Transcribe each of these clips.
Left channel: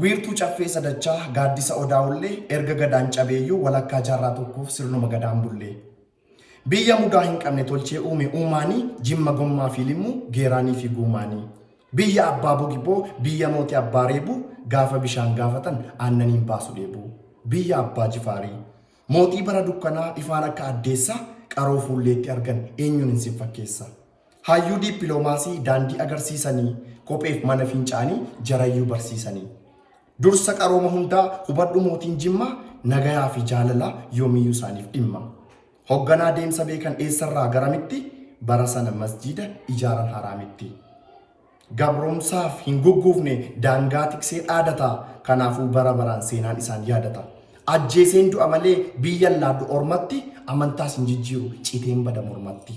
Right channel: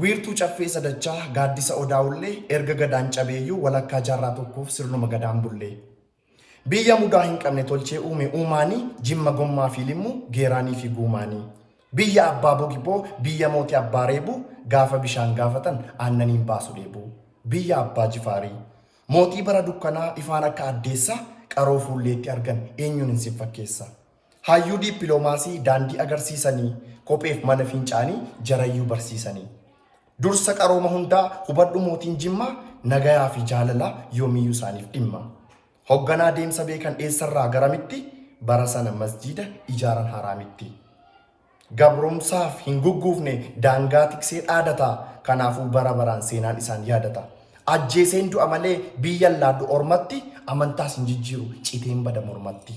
Wiirtuu caffee sadachaa gaaddisa odaa'ullee erga gadaan cabeeyyuu walakkaa jaarraa tokkoof sirnuma gadaan bullee. Biyya mudaa hin qabne tolchee uume uumaanii jimma gommaa fi limmuu geeraanii fi guumaanii. Biyya abbaa bogiboo biyya mootii abbaa reebuu gaafa bishaan gaafatan aannaniin baasu deebuu. Biyya abbaa jifaarii mootii bara dukkanaa ifaan akka addeessaa qaroo fuulleetti argan eenyuun hin siffakkeessa. Hayyuu diippiloomaasii daandii agarsiisanii kopheef mana fincaanii jarayyuu barsiisanii. Dursa qarooma hundaa hubadhu mootiin jimmaa nagayaa fi jaalalaa yoomiyyuu isaaniif dhimma. Hoogganaa deemsa beekan eessarraa garamitti bara sana masjiida ijaaran haraamitti. Gabroomsaaf hin gugguufne daangaa tiksee dhaadata kanaafuu bara baraan seenaan isaan yaadata. Ajjeeseen du'a malee biyyan laaddu ormatti amantaas hin jijjiiru citeen bada mormatti.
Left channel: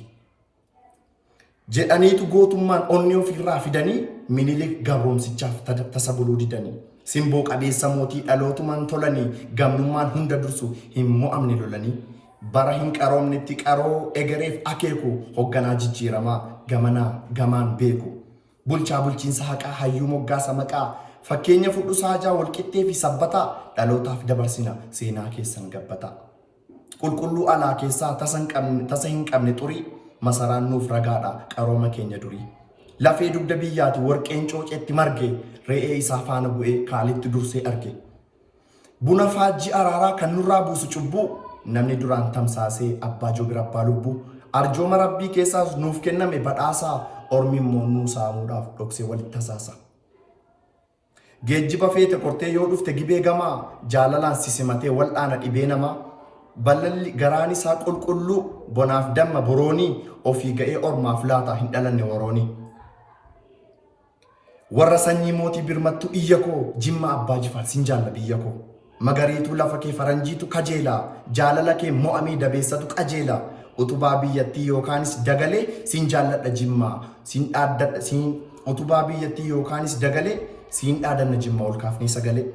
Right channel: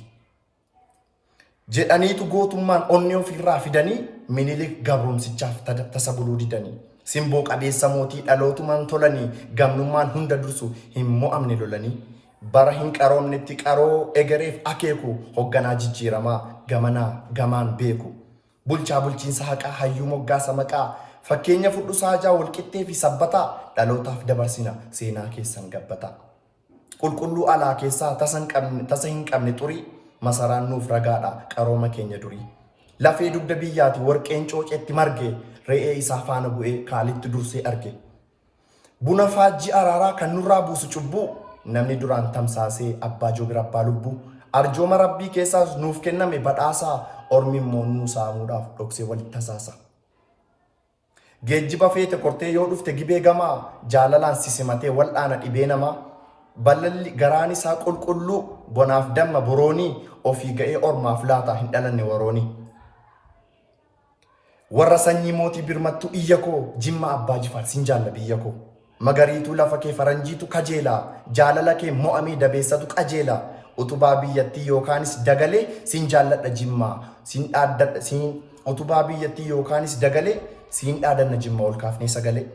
Jedhaniitu gootummaan onnee ofirraa fidanii Minilik gabroomsichaaf tasa buluu didanii. Simboo qabeessa mootii dhalootumaan tolanii gamnummaan hunda dursu hin mo'amne lolanii. Bara hin qaroomnetti qaroo egereef akeeku hoogganaa jijjiiramaa gamanaa gamaan beeku. Bulchaa bulchiinsa haqaa hayyuu moggaasa maqaa fakkeenya fudhu saajaa walqixxee fi sabbataa dhalootaaf dabarsina seenaa keessan gabbata. Qulqulluu alaa keessaa tasa hin qabne xurii masaraan nuuf ragaadha qarooma keenya durii. Lafee dugda biyyaati warqeen cooceetti marge re'ee isaa faana bu'ee kaalitti dursee arge. Buna faajjii araaraa kan nurraa buusu cubbuu namni duraan tamsaasee abbaa joobira abbaa lubbuu arjooma rabbii keessaas nuuf kenname badhaasaa ormi immoo nuu saamuudhaaf dhoksee walitti tasaasa. Geejjiba feete kortee yoo dhufte gibee gamaa jaalalaan sisimatee wal'aana dhibee namaa ballalli garaan isaa qulqulluu bonaaf damma boroonii ofii ga'ee ormaaf laata hin dhalanne waroonii. Warra sanyii mootii birmattu iyya koo jimma abbaa jifaar sin jaalla biyya koo. Magariituu lafa kee faranjiitu kajeelaa jaalala kee mo'amee dabeessatu qajeelaa. Utubaa biyyattii yookaanis dagalee sin jaalladha jimmaa sin dhaaddadha sin utubaa biyyattii yookaanis dagalee sin dhaadanna jimmaa ol kaafnee sagalee.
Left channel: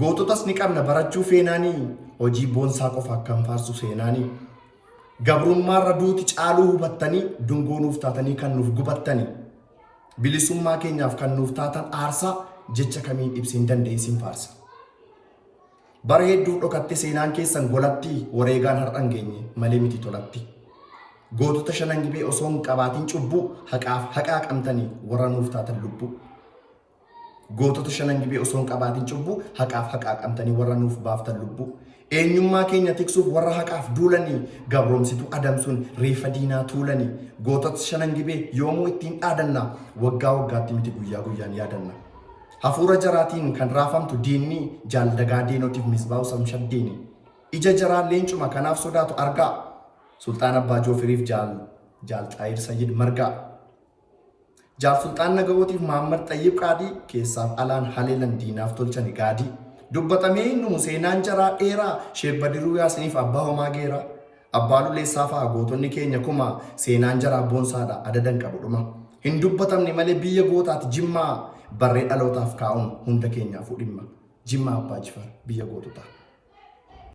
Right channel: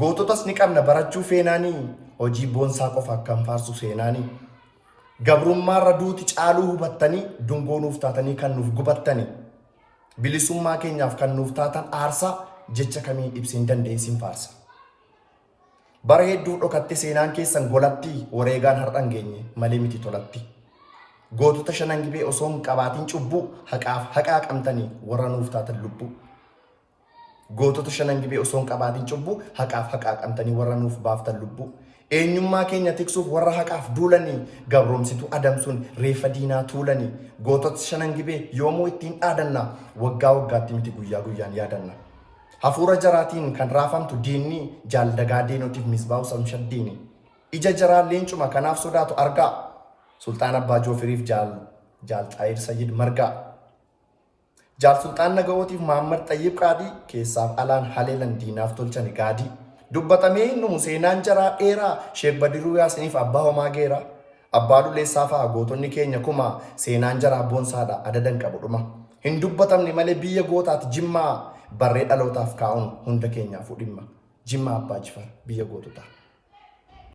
Goototas ni qabna barachuu feenaanii hojii boonsaa qofa akkam faarsu seenaanii. Gabrummaarra duuti caaluu hubattanii dungoo nuuf taatanii kan nuuf gubattanii. Bilisummaa keenyaaf kan nuuf taatan aarsaa jecha kamiin ibseen dandeessin faarsa. Bara hedduu dhokatte seenaan keessan golatti wareegaan har'an geenye malee miti tolatti. Gootota shanan gibee osoo hin qabaatiin cubbuu haqaa qabtanii warra nuuf taatan lubbuu. Gootota shanan gibee osoo hin qabaatiin cubbuu haqaa qabtanii warra nuuf baaftan lubbuu. Eenyummaa keenya tiksuuf warra haqaaf duulanii gabroomsitu adamsuun reeffa diinaa tuulanii. Gootota shanan gibee yoomuu ittiin dhaadanna waggaa waggaatti miti guyyaa guyyaan yaadanna. Hafuura jaraatiin kan raafamtu diinni jaaldagaa diinotiif misbaa'u samshaddiini. Ija jaraan leencuma kanaaf sodaatu argaa. Sultaan Abbaa Joofiriif jaal Xaayir Sayyid margaa. Jaal Sultaan Naga'ootiif Mahammad Xayyib Qaadii keessaaf alaan haleelan diinaaf tolchani gaadii. Dubbatamee numu seenaan jaraa dheeraa Sheek Badiruu Yaasiniif abbaa homaa geeraa. Abbaa Luleessaa fa'aa gootonni keenya kuma seenaan jaraa boonsaadha adadan qabu dhuma. Hin dubbatamne malee biyya gootaati jimmaa barree dhalootaaf kaa'uun hunda keenyaafuu dhimma. Jimmaa abbaa jifaar biyya goototaa.